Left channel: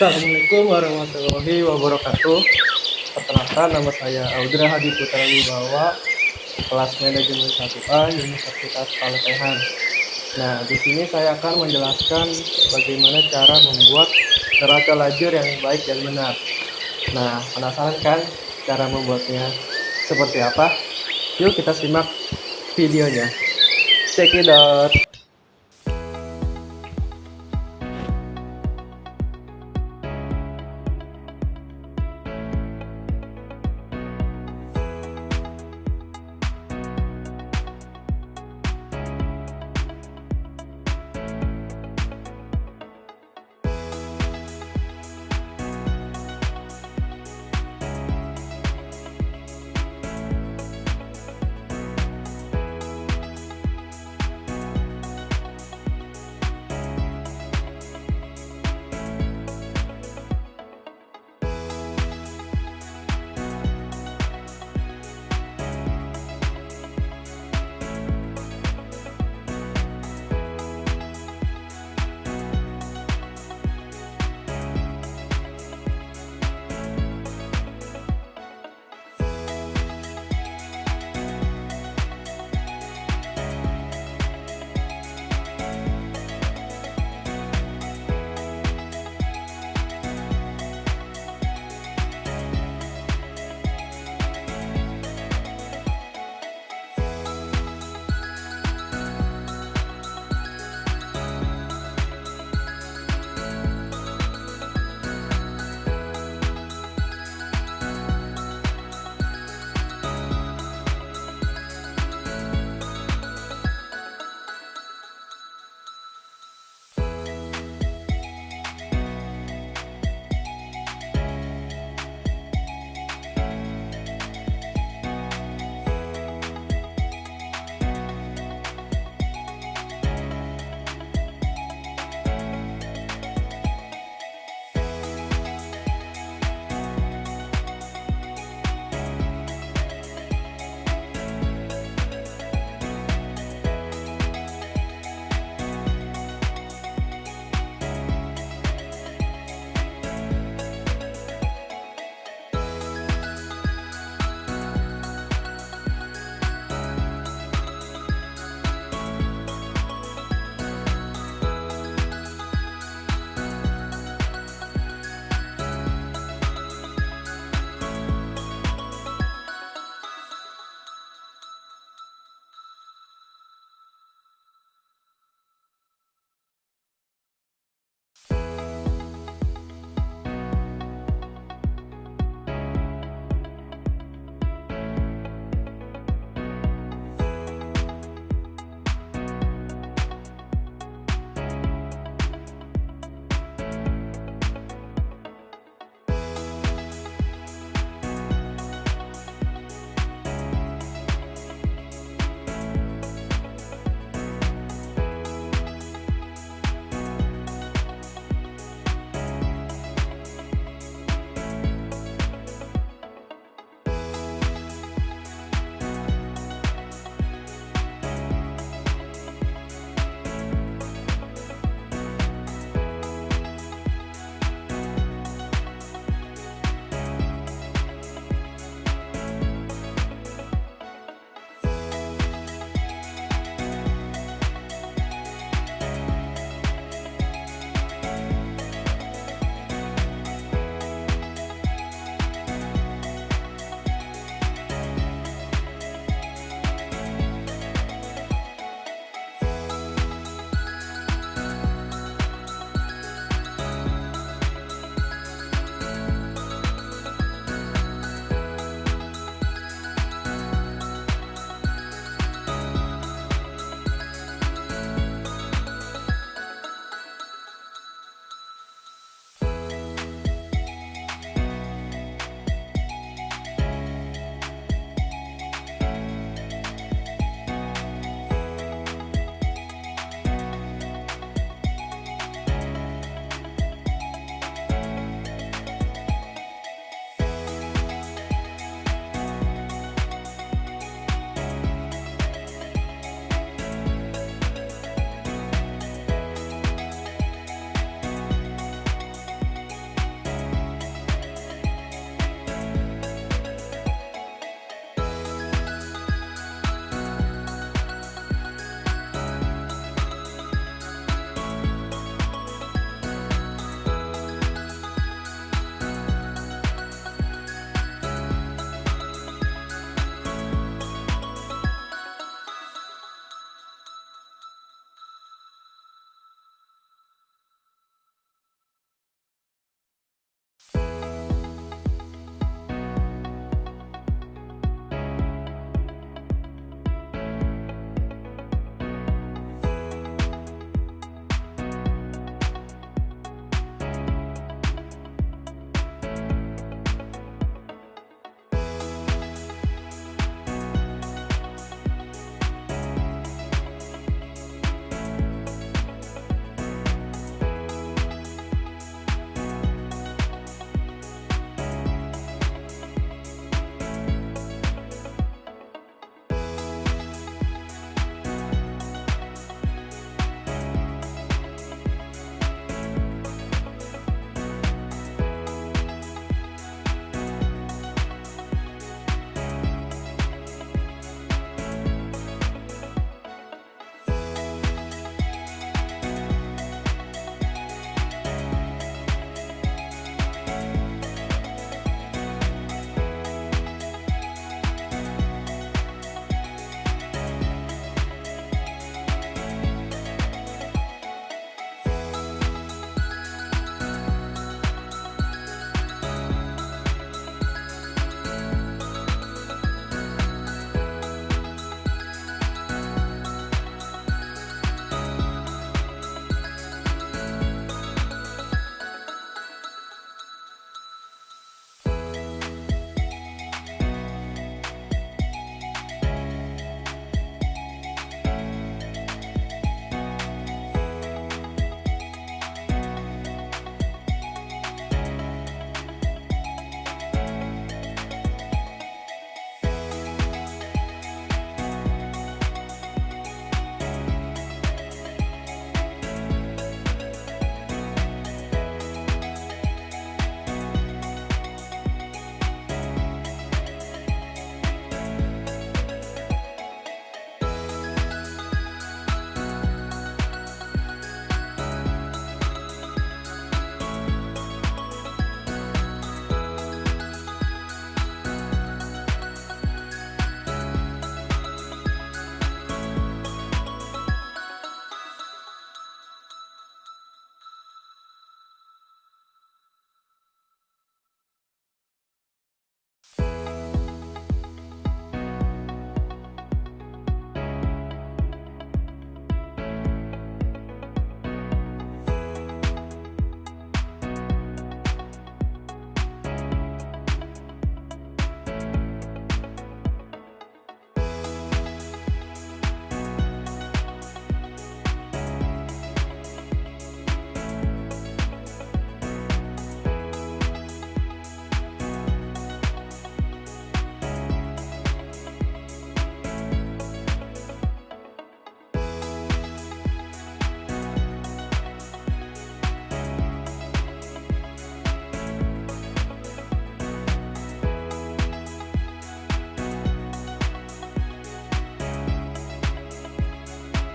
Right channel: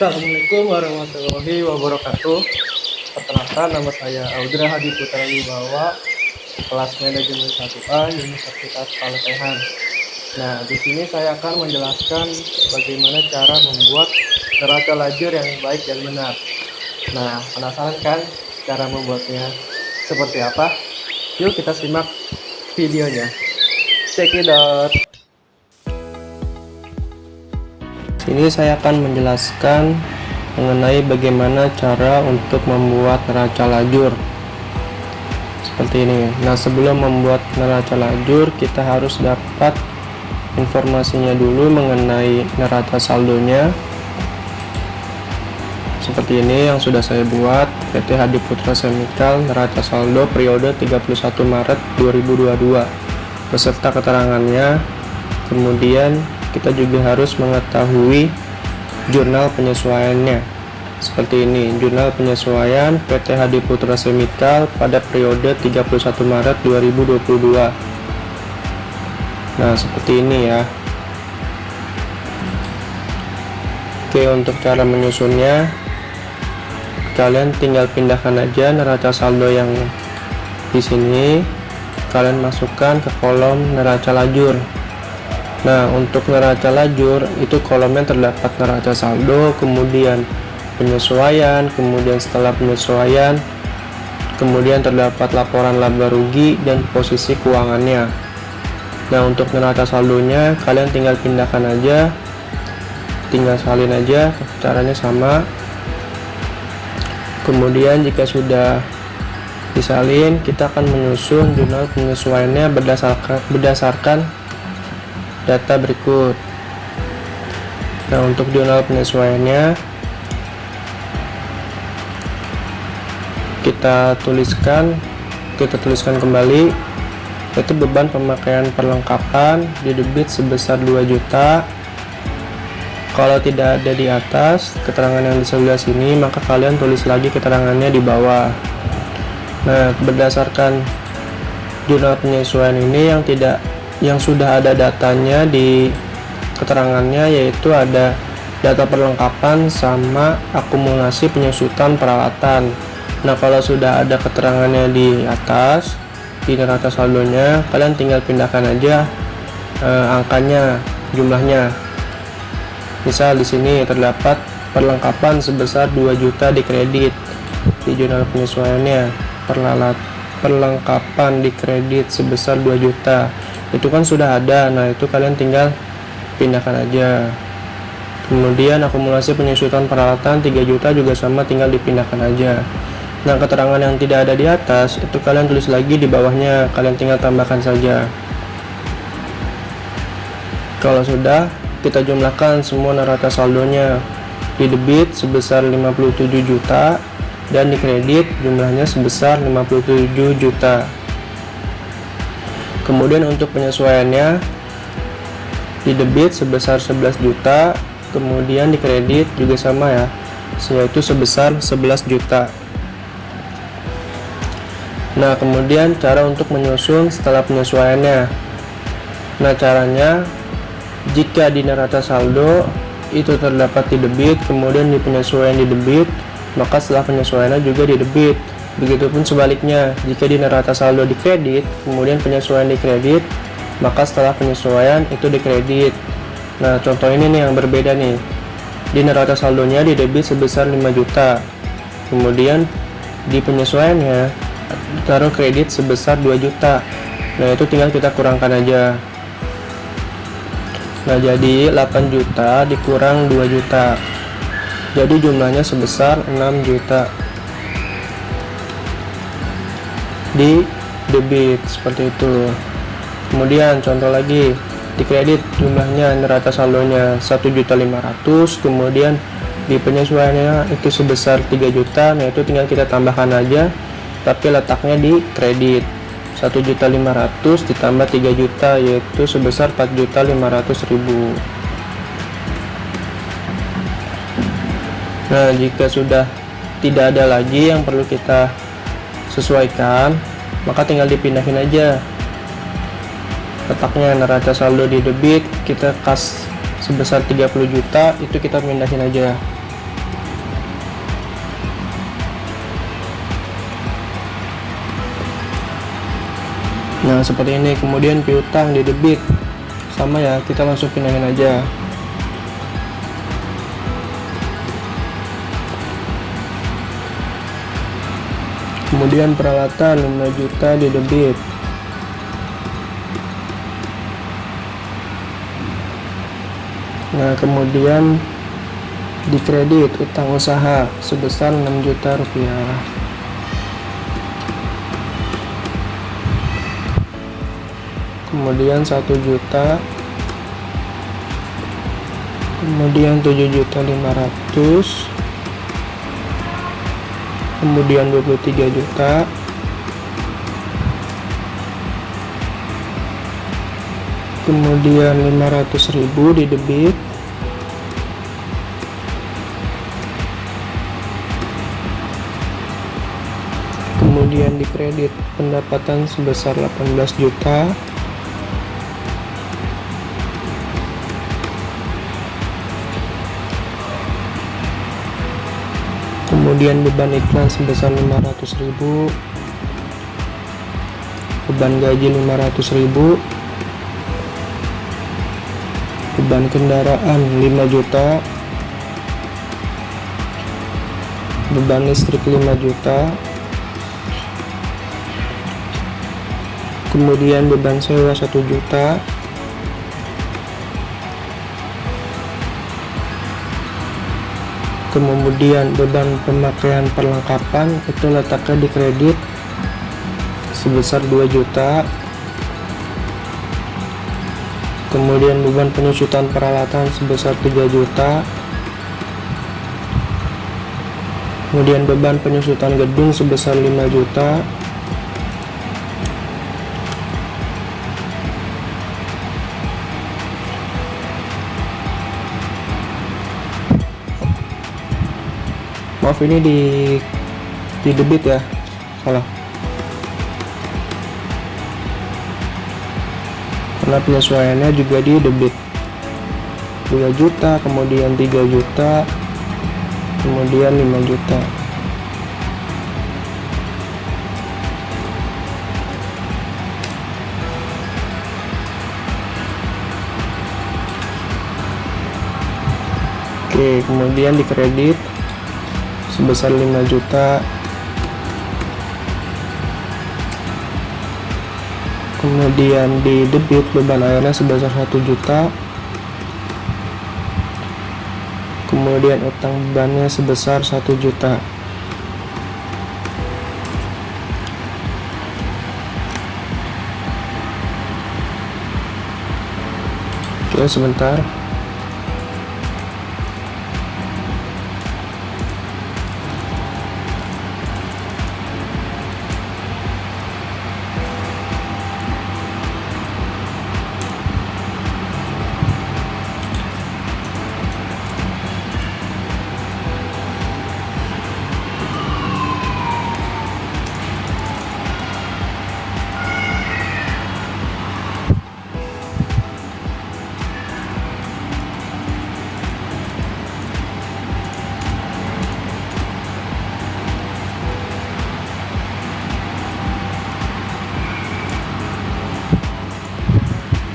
Assalamualaikum warahmatullahi wabarakatuh. Perkenalkan, nama saya Audra Hadi Putra Wibawa, kelas manajemen 1A Universitas Paletehan. Nah, di sini saya akan menjelaskan bagaimana cara membuat neraca lajur yang baik dan benar. Nah, penasaran kan cara membuatnya seperti apa? Yuk kita simak videonya. Check it out. Sini saya akan menjelaskan mengenai bagaimana cara untuk membuat neraca lajur seperti ini. Nah, sebelum membuat neraca lajur, kita harus dapat informasinya dulu mengenai neraca saldonya. Seperti ini yang sudah saya buat, PT Hadi Putra Semikal, neraca saldo periode 31 Maret 2022 beserta keterangannya. Kemudian kita juga harus mengetahui jurnal penyesuaiannya. Seperti ini, jurnal penyesuaian PT Hadi Putra Semikal pada periode 31 Maret 2022. Nah, seperti ini ya. Oke, untuk cara menyusunnya, kalian tinggal pindahkan aja neraca saldo yang di sini, kalian masukkan ke kolom neraca lajur. Nah, untuk neraca lajur itu kolomnya terdapat neraca saldo, kemudian penyesuaian, kemudian setelah penyesuaian, kemudian terdapat laporan laba rugi dan posisi keuangannya. Nah, untuk neraca saldonya kalian tinggal pindahkan aja, tinggal salin aja, caranya sama. Kemudian jika sudah disalin, kita akan menyusun jurnal penyesuaiannya berdasarkan data berikut. Nah, untuk jurnal penyesuaiannya kita tuliskan kembali, yaitu beban pemakaian perlengkapan di debit sebesar 2 juta. Kalau tidak ada di atas keterangan yang di sebelah sini, maka kalian tulis lagi keterangannya di bawah. Nah, berdasarkan jurnal penyesuaian ini yang sudah ada datanya di keterangannya, yaitu ada data perlengkapan sama akumulasi penyusutan peralatan. Nah, kalau sudah ada keterangannya di atas di neraca saldonya, kalian tinggal pindahkan aja angkanya, jumlahnya. Misal di sini terdapat perlengkapan sebesar 2 juta di kredit di jurnal penyesuaiannya, perlengkapan di kredit sebesar 2 juta. Itu kan sudah ada. Nah, itu kalian tinggal pindahkan aja. Kemudian akumulasi penyusutan peralatan 3 juta juga sama, tinggal dipindahkan aja. Nah, keterangan yang tidak ada di atas itu kalian tulis lagi di bawahnya, kalian tinggal tambahkan saja. Kalau sudah, kita jumlahkan semua neraca saldonya. Di debit sebesar 57 juta dan di kredit jumlahnya sebesar 57 juta. Kemudian untuk penyesuaiannya, di debit sebesar 11 juta, kemudian di kredit juga sama ya, yaitu sebesar 11 juta. Nah, kemudian cara untuk menyusun setelah penyesuaiannya. Nah, caranya, jika di neraca saldo itu terdapat di debit, kemudian di penyesuaian di debit, maka setelah penyesuaiannya juga di debit. Begitupun sebaliknya, jika di neraca saldo di kredit, kemudian penyesuaian di kredit, maka setelah penyesuaian itu di kredit. Nah, contoh ini nih yang berbeda nih. Di neraca saldonya di debit sebesar 5 juta. Kemudian di penyesuaiannya taruh kredit sebesar 2 juta. Nah, itu tinggal kita kurangkan aja. Nah, jadi 8 juta dikurang 2 juta. Jadi jumlahnya sebesar 6 juta. Di debit seperti itu. Kemudian contoh lagi, di kredit jumlahnya neraca saldonya 1.500.000, kemudian di penyesuaiannya itu sebesar 3 juta. Nah, itu tinggal kita tambahkan aja, tapi letaknya di kredit. 1.500.000 ditambah 3 juta, yaitu sebesar 4.500.000. Nah, jika sudah tidak ada lagi yang perlu kita sesuaikan, maka tinggal dipindahin aja letaknya. Neraca saldo di debit kita kas sebesar 30 juta, itu kita pindahin aja. Nah seperti ini. Kemudian piutang di debit sama ya, kita langsung pindahin aja. Kemudian peralatan 5 juta di debit. Nah kemudian di kredit utang usaha sebesar 6 juta rupiah. Kemudian 1 juta, kemudian 7.500.000, kemudian 23 juta, kemudian 500.000 di debit, kemudian di kredit pendapatan sebesar 18 juta, kemudian beban iklan sebesar 500.000, beban gaji 500.000, beban kendaraan 5 juta, beban listrik 5 juta, kemudian beban sewa 1 juta, kemudian beban pemakaian perlengkapan itu letaknya di kredit sebesar 2 juta, kemudian beban penyusutan peralatan sebesar 3 juta, kemudian beban penyusutan gedung sebesar 5 juta, maaf ini di debit ya, salah, karena penyesuaiannya juga di debit 2 juta, kemudian 3 juta, kemudian 5 juta. Oke, kemudian di kredit sebesar 5 juta, kemudian di debit beban airnya sebesar 1 juta, kemudian utang bebannya sebesar 1 juta. Oke, sebentar.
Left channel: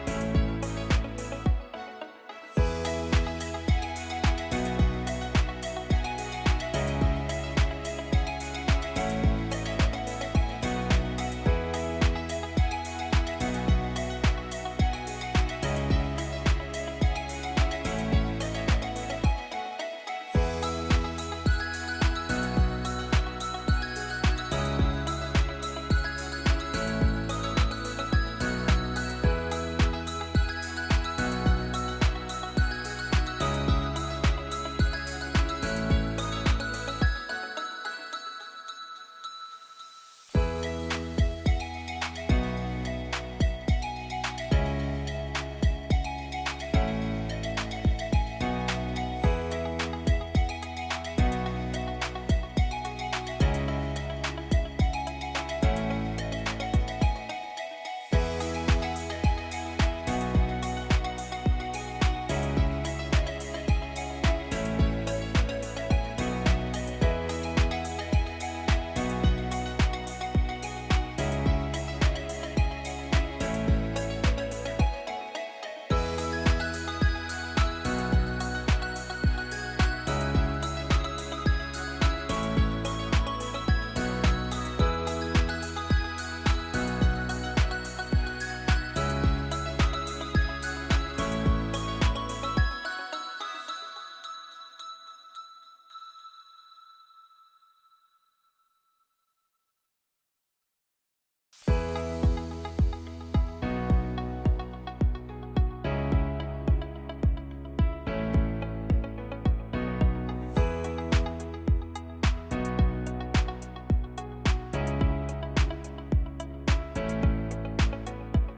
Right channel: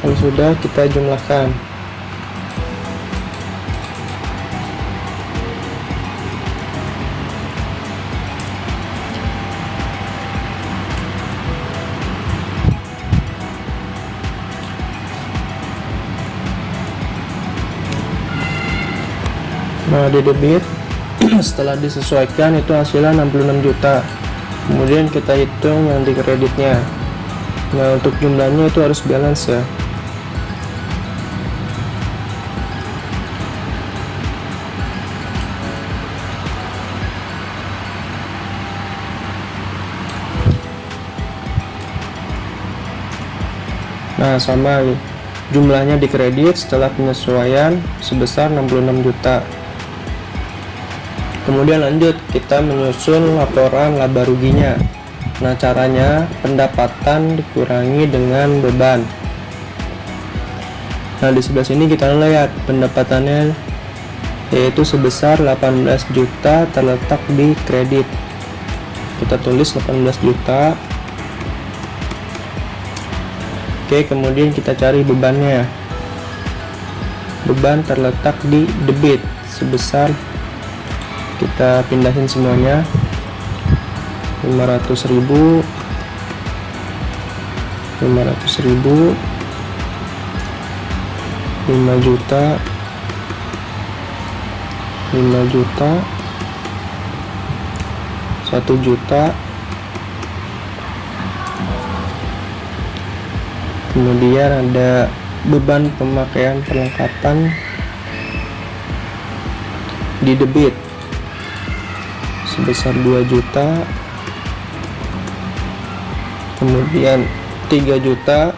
Kalau sudah, kita jumlahkan. Nah, di debit setelah disesuaikan itu hasilnya 66 juta. Kemudian kita hitung yang di kreditnya. Nah, untuk jumlahnya itu harus balance ya. Nah, sama jumlahnya di kredit setelah penyesuaian sebesar 66 juta. Kemudian lanjut kita menyusun laporan laba ruginya. Nah, caranya pendapatan dikurangi dengan beban. Nah, di sebelah sini kita lihat pendapatannya yaitu sebesar 18 juta terletak di kredit. Kita tulis 18 juta. Oke, kemudian kita cari bebannya. Beban terletak di debit sebesar, kita pindahin semuanya, 500.000, 500.000, 5 juta, 5 juta, 1 juta, kemudian ada beban pemakaian perlengkapan di debit sebesar 2 juta, kemudian 3 juta,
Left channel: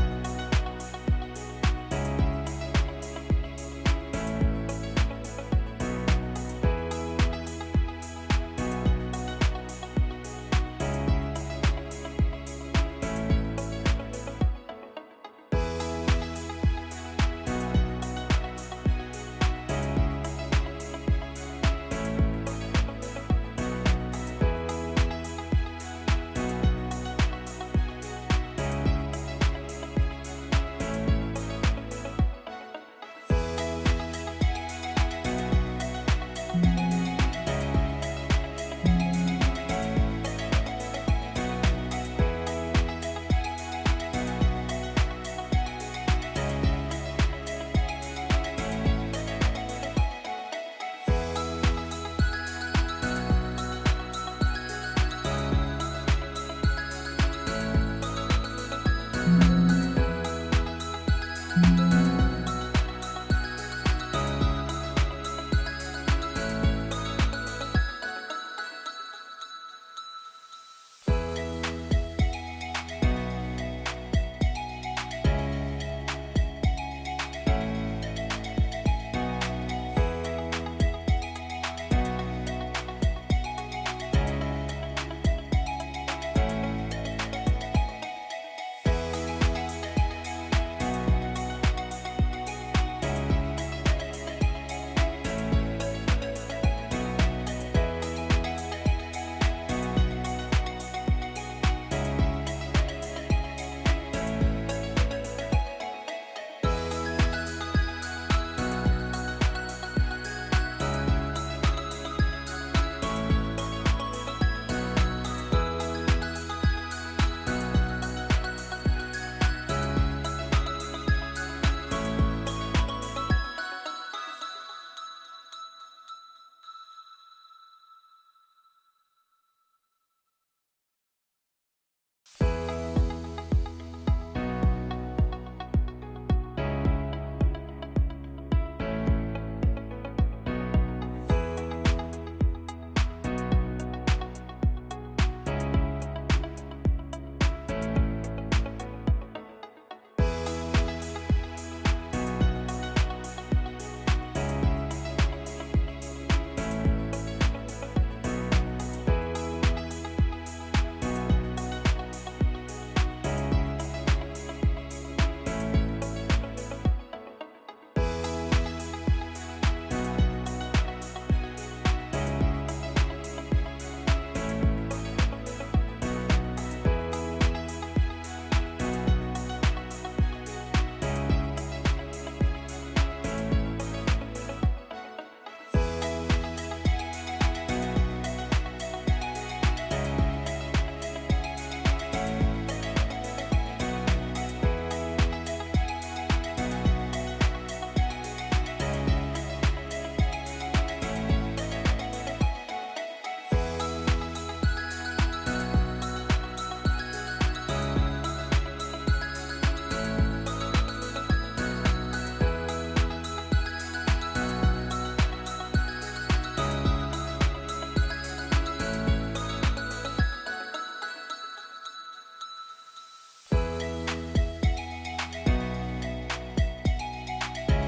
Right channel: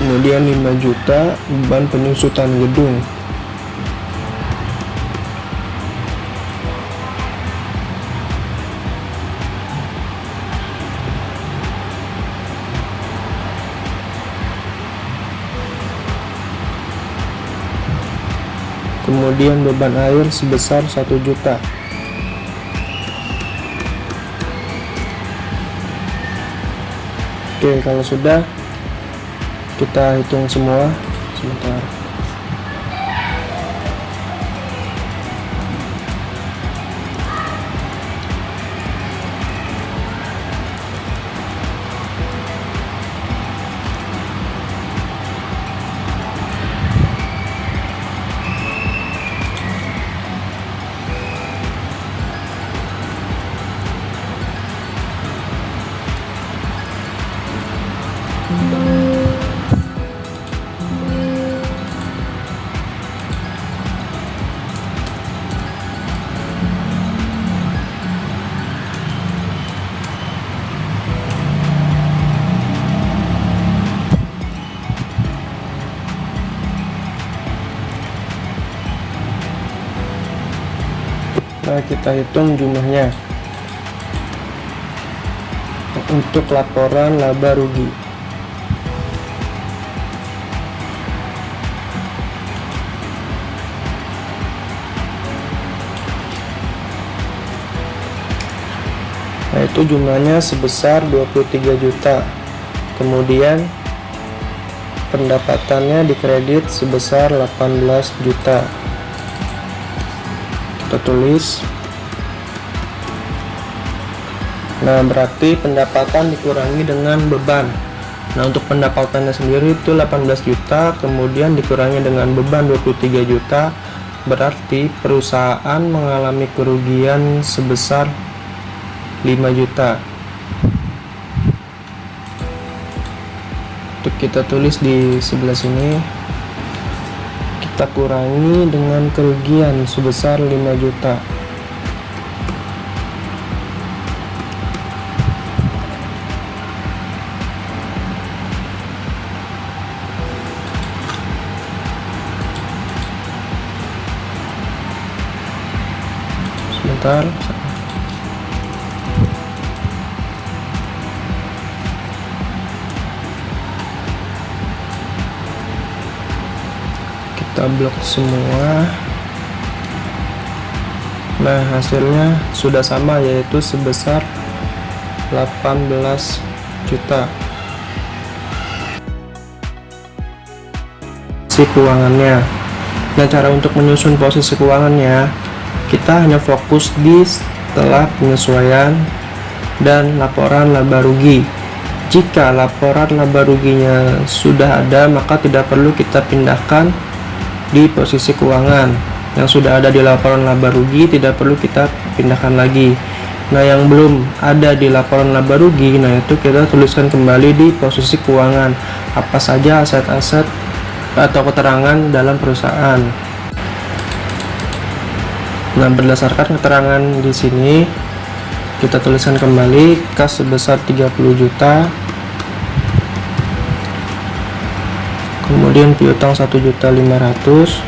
kemudian 5 juta beban penyusutan gedung. Kemudian beban air sebesar 1 juta. Oke, kalau sudah, kita hitung semua sebentar. Nah, kita hitung jumlahnya untuk laporan laba rugi. Nah, itu jumlahnya sebesar 23 juta. Kemudian pendapatannya dikredit sebesar 18 juta. Kita tulis. Nah, berarti pendapatan dikurangi dengan beban. Nah, untuk pendapatannya sendiri itu 18 juta, kemudian dikurangi dengan beban 23 juta, berarti perusahaan mengalami kerugian sebesar 5 juta. Untuk kita tulis di sebelah sini, kita kurangi dengan kerugian sebesar 5 juta. Sebentar. Kita blok semua. Nah, hasilnya sudah sama, yaitu sebesar 18 juta. Posisi keuangannya. Nah, cara untuk menyusun posisi keuangannya, kita hanya fokus di setelah penyesuaian dan laporan laba rugi. Jika laporan laba ruginya sudah ada, maka tidak perlu kita pindahkan di posisi keuangan. Yang sudah ada di laporan laba rugi tidak perlu kita pindahkan lagi. Nah, yang belum ada di laporan laba rugi, nah itu kita tuliskan kembali di posisi keuangan. Apa saja aset-aset atau keterangan dalam perusahaan. Nah, berdasarkan keterangan di sini, kita tuliskan kembali kas sebesar 30 juta. Kemudian piutang 1.500.000,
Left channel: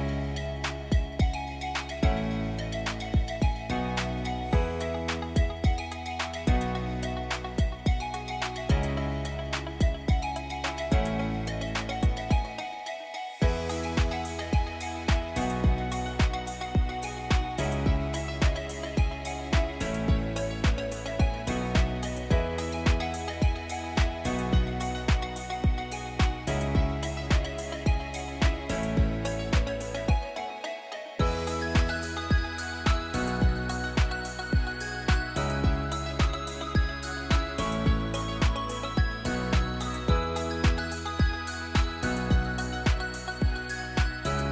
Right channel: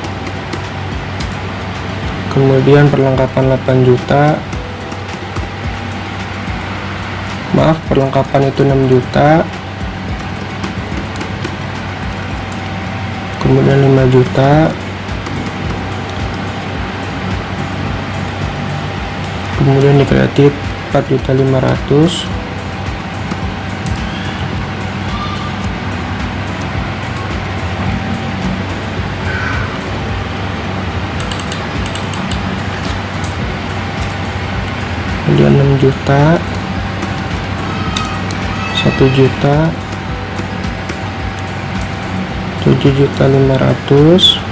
kemudian perlengkapan 8 juta, maaf, perlengkapan itu 6 juta, kemudian 5 juta, kemudian di kreatif 4.500.000, juta, 1 juta, 7.500.000,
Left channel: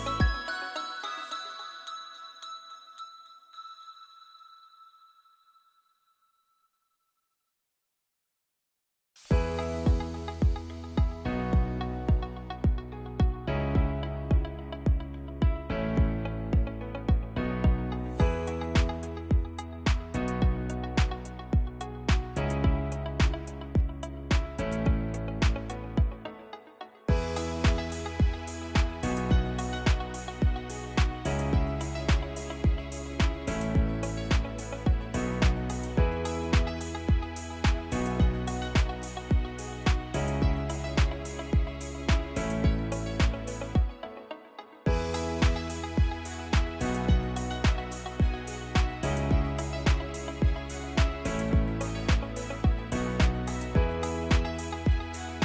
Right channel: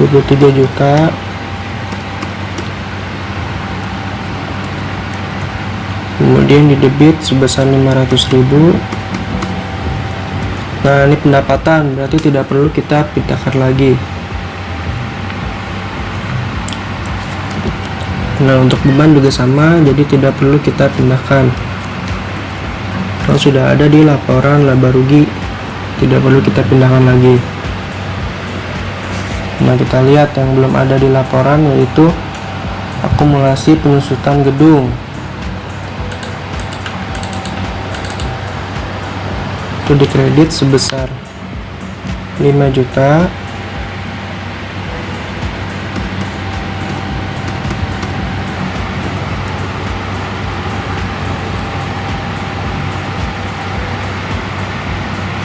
23 juta, kemudian di debit sebesar 500.000. Nah, ini pendapatan, berarti tidak perlu kita pindahkan lagi. Nah, untuk beban juga sama, jadi tidak perlu kita pindahkan. Kalau sudah ada di laporan laba rugi, tidak perlu kita pindahkan lagi. Nah, kita lihat yang belum ada di laporan, yaitu akumulasi penyusutan gedung. Itu dikredit sebesar 5 juta.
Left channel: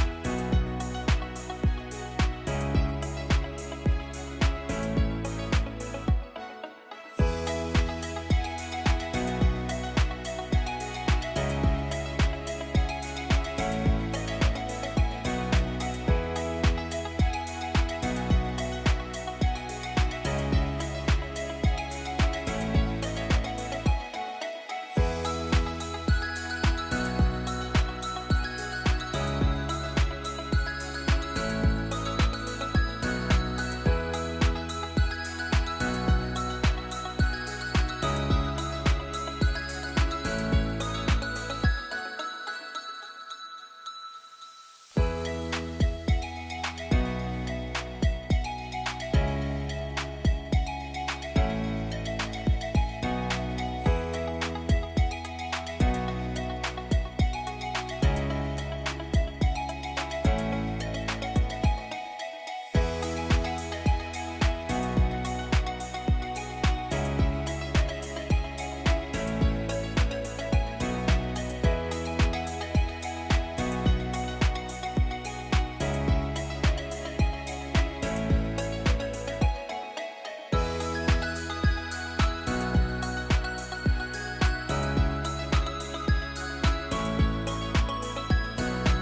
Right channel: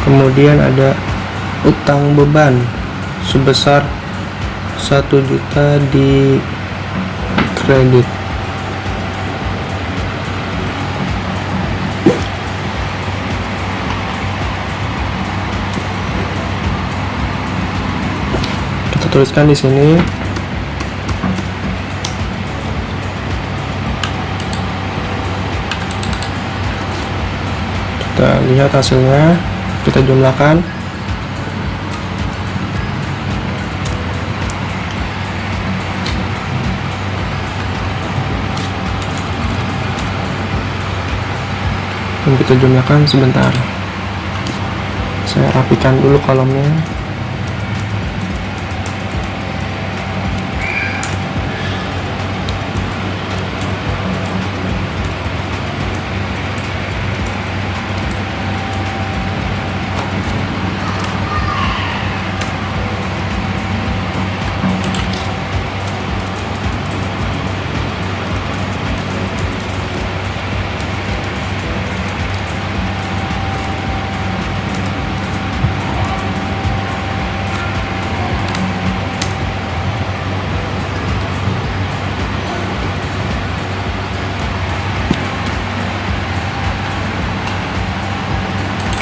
Kemudian ada utang beban sebesar 1 juta di kredit. Kita tuliskan di sini. Kita lihat hasilnya, kita jumlahkan. Dan kita jumlahkan sebentar. Saya rapikan dulu kolomnya.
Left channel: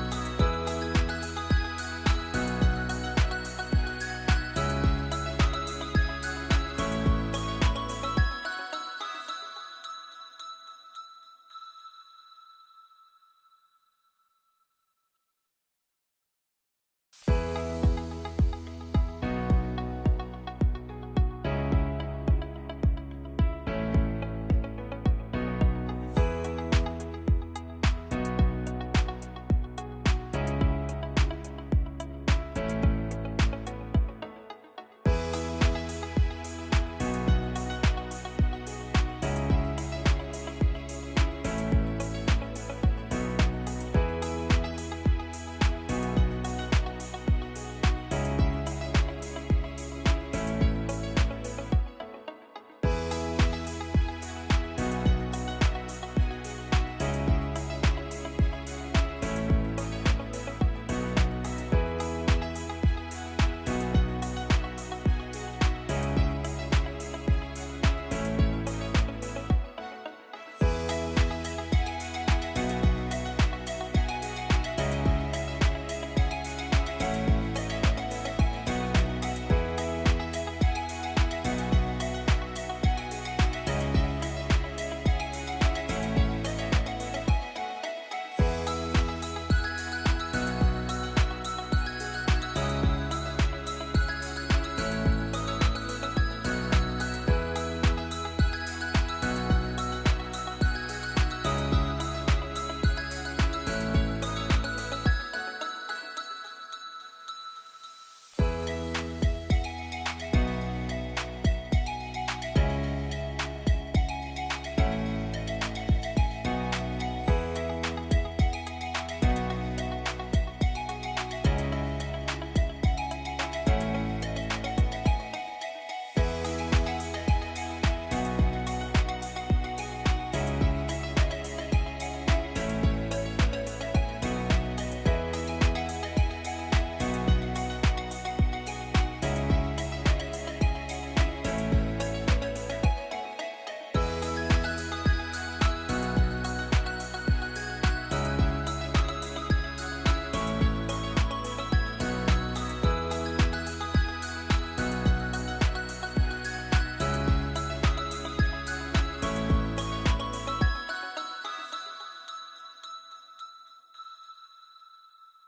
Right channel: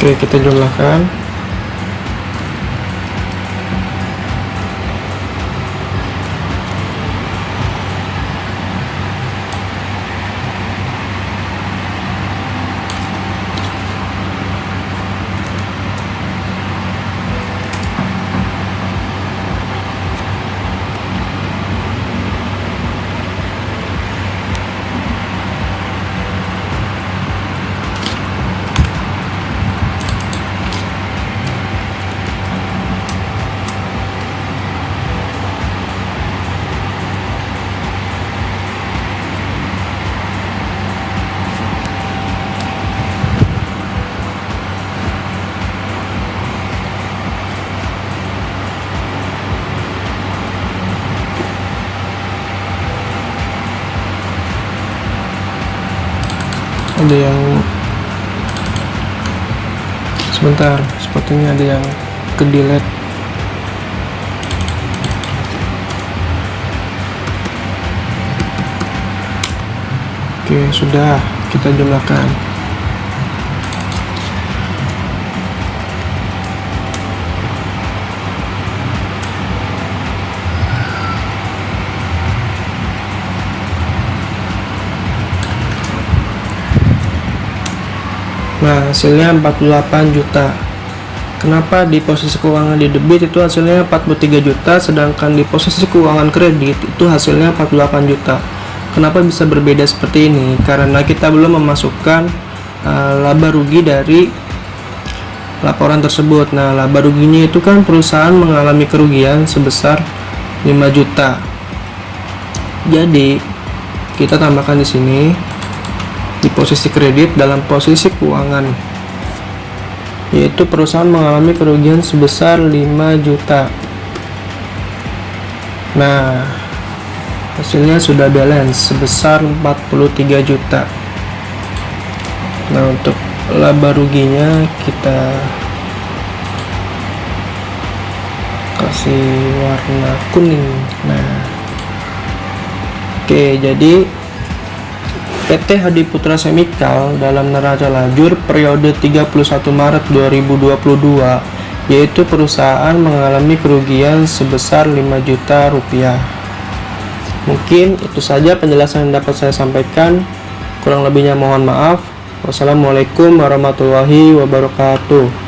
Oke, kita jumlahkan. Ada yang sebentar, sepertinya ada yang ke delete. Oke, sudah kita jumlahkan. Nah, hasilnya 48 juta. Kenapa di posisi keuangan di debit itu hasilnya 43 juta, sedangkan di posisi keuangan kredit itu hasilnya 48 juta. Kenapa bisa berbeda seperti ini? Karena kita belum memasukkan laba rugi dari laporan tersebut. Nah, laba ruginya itu kan perusahaan mengalami kerugian sebesar 5 juta. Jadi, kita tambahkan di sini di posisi kredit dalam posisi keuangan, yaitu perusahaan mengalami kerugian sebesar 5 juta. Nah, hasilnya sudah balance sebesar 43 juta. Nah, untuk laba ruginya kita kasih warna kuning. Nah, Oke, jadi PT Hadi Putra Semikal dalam neraca lajur periode 31 Maret 2022, yaitu perusahaan mengalami kerugian sebesar 5 juta rupiah. Mungkin itu saja penjelasan yang dapat saya sampaikan. Kurang lebihnya mohon maaf. Wassalamualaikum warahmatullahi wabarakatuh.